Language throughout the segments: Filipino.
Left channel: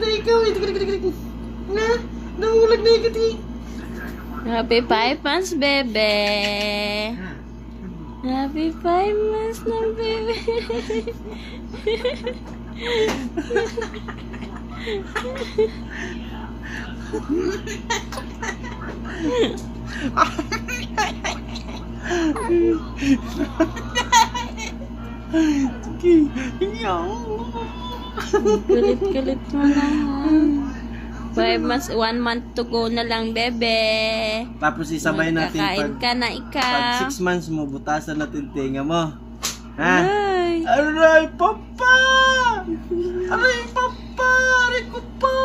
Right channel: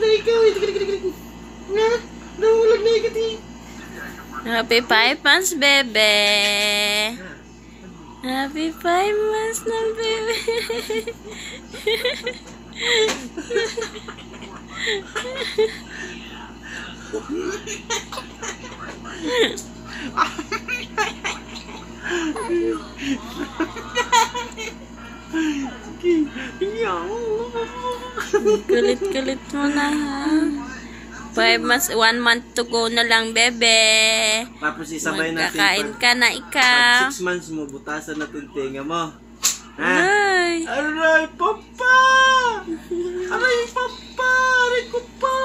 na ikaw. Nga, namulag na ikaw. Happy 5 months, bebe. Happy 5 months na, bebe. Kulit-kulit mo na, ha? 5 months, 1 month to go na lang, bebe. Tapos isabay natin. Magkakain ka na ikaw. 6 months mo, butasan natin tinga mo. Ha? Ay. Aray, papa! Aray, papa! Aray ko pa!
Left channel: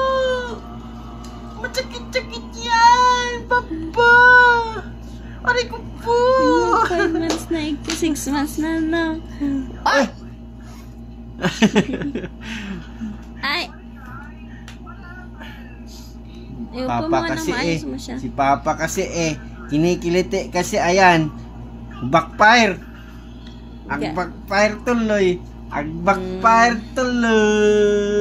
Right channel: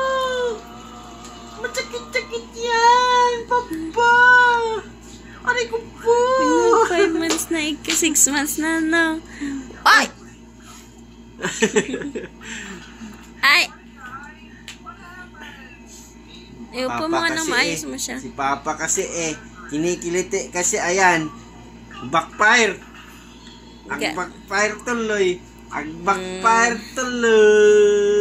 Matsakit-tsakit yan, papa! Aray ko po! 5 months na ikaw, 6 months na, no? Ay! Ay! Iupo mo na maayos mo siya. Si Papa kasi kinikiliti kasi ayan. Backfire. Ang backfire tuloy. Ang backfire tuloy.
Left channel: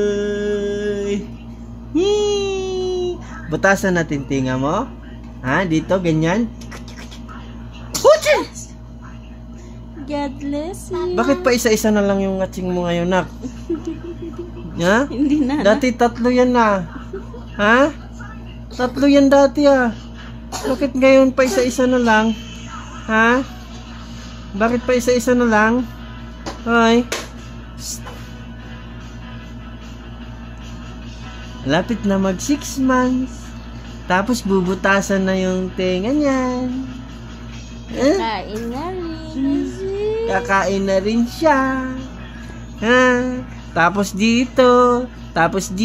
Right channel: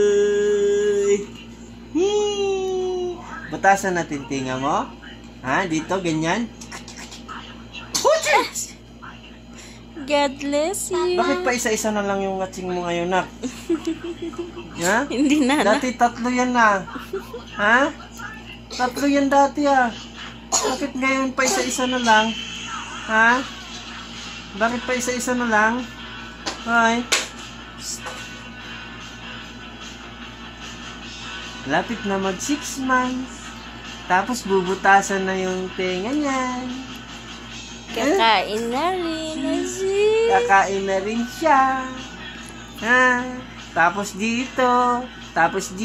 Butasan natin tinga mo. Ha? Dito, ganyan. God bless you. Bakit pa isa-isa na lang yung ngatsing mo ngayon, nak? Ha? Hindi na. Dati 3 yan na. Ha? 3 yan dati Bakit ngayon pa isa-isa na lang? Ha? Bakit pa isa-isa na lang? Ay. Lapit na mag 6 months. Tapos bubutasan na yung tenga niyan. Kakain na rin. Kakain na rin siya. Ha? Tapos dito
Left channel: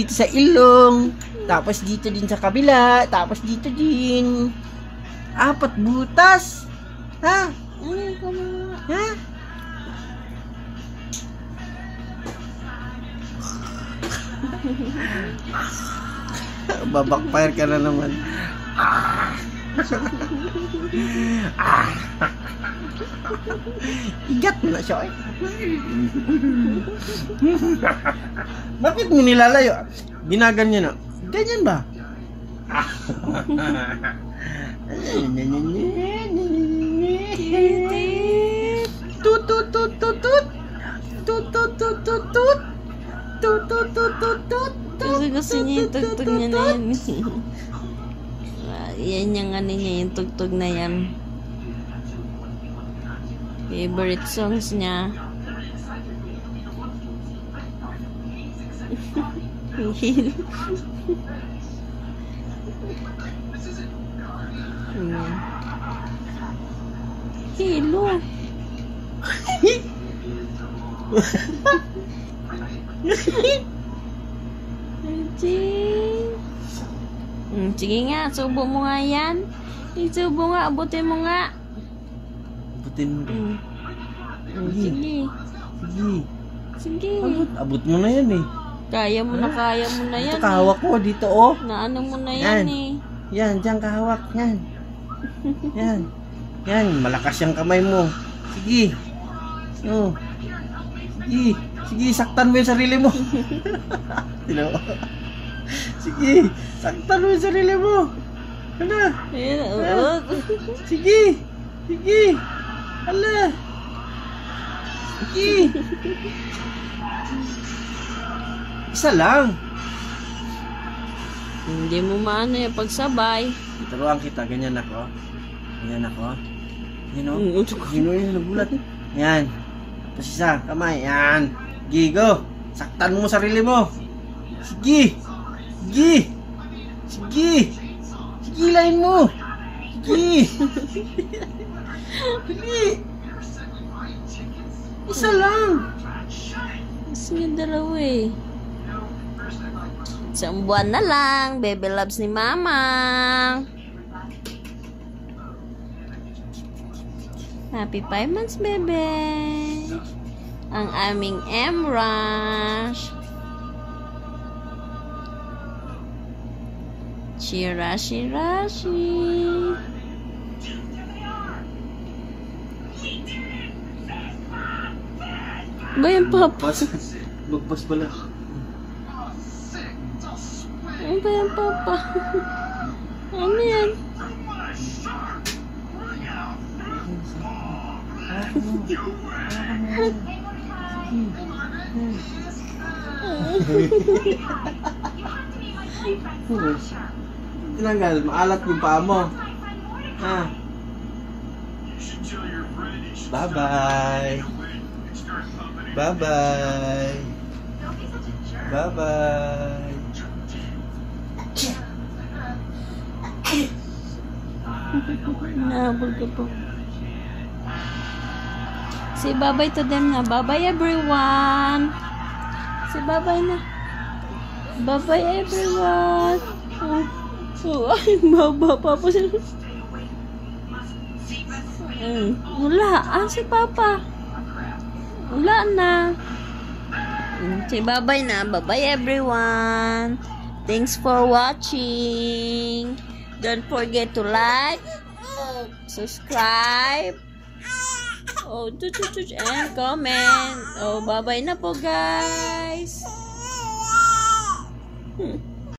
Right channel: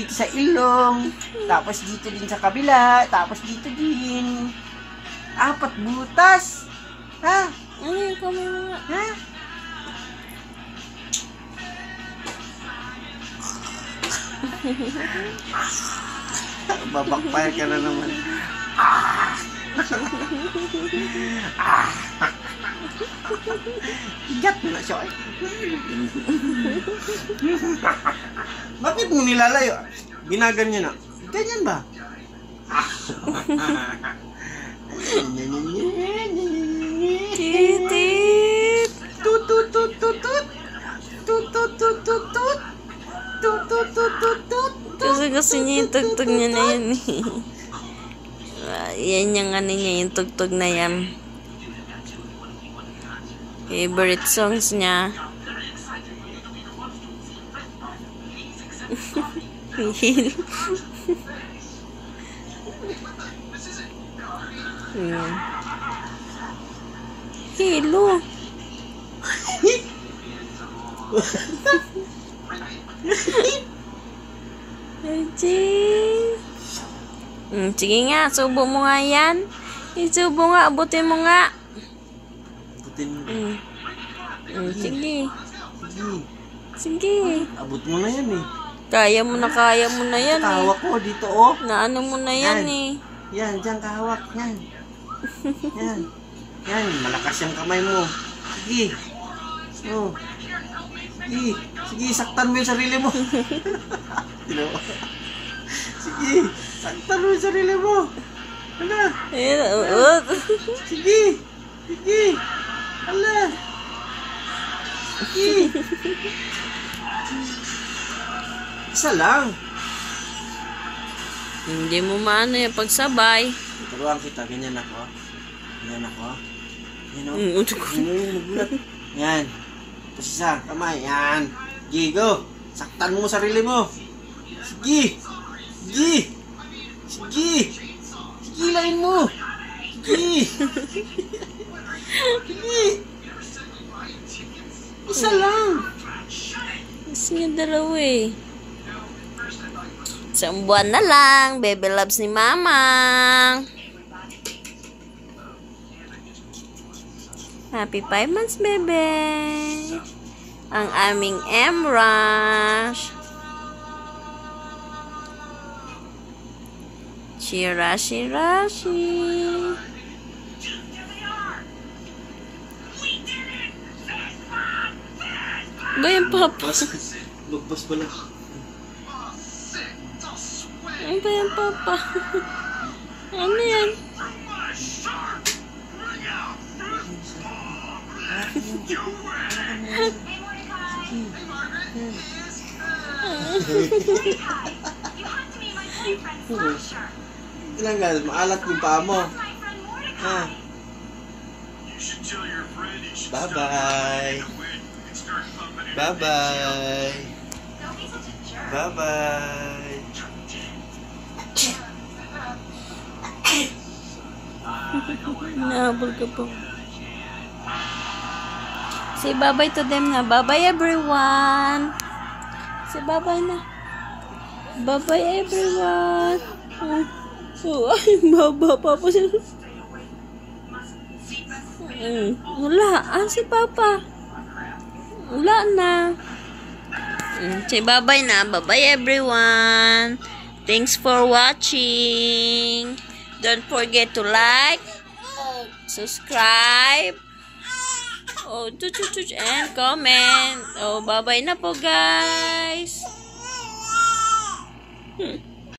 sa ilong, tapos dito din sa kabila, tapos dito din. 4 butas. Ha? Ay, kamo. Ha? Babakfire ka na naman. Igat mo na siya. Bakit mo nilalayo? Ginaganyan na. Ganyan ba? Titit. Tut tut tut tut tut. Tut tut tut tut tut. Tut tut tut tut tut. Kasi niya yung tugtog niya na yan. Yan yung ano niya, yung tugtog na yan. Favorite songs niya. Hello. Sige nga, subo mo nga yan. Isubo nga, abutin mo nga. Abutin mo. Sige. Sige. Sige. Abot mo na yan Kaya mo na yan. Kahawak ko dito Naano mo na yan Yan, dyan kahawak. Yan. Yan. Yan, malakas yung kamay mo. Sige. Oh. Sige. Sige, saktan mo yung sarili mo. Sige, saktan mo yung sarili mo. Hala. Sige. Sige. Hala. Sige. Isa lang. Hindi mo maano yung pagsabay. Turuan kita, ganyan ako. Ganyan ako. Yan o. Yan nagulat. Yan. Tapos isa, kamay. Yan. Gigo. Saktan mo sarili mo. Sige. Sige. Sige. Sigilain mo. Sige. Sige. Isa lang. Gusto niya dalawa Isang buwan na lang. Baby loves ni Mamang. Happy 5 months, bebe. Ang aming M-Rush. Shirashi. Ba yung papa? Lugpas pala. Ano ba yan, Papa? Ano yan? Tinanggal, maalat yung paa mo. Ha? Bye-bye. Bye-bye. Bye-bye. Nahabol ka po. Say bye-bye to them na. Bye-bye everyone. Say bye-bye na. Bye-bye everyone. Oh, ay, baba pa po sila. Wala. Si Papa. Wala na. Say bye-bye na. Bye-bye everyone. Thanks for watching. Don't forget to like, subscribe, and comment. Bye-bye na po, guys.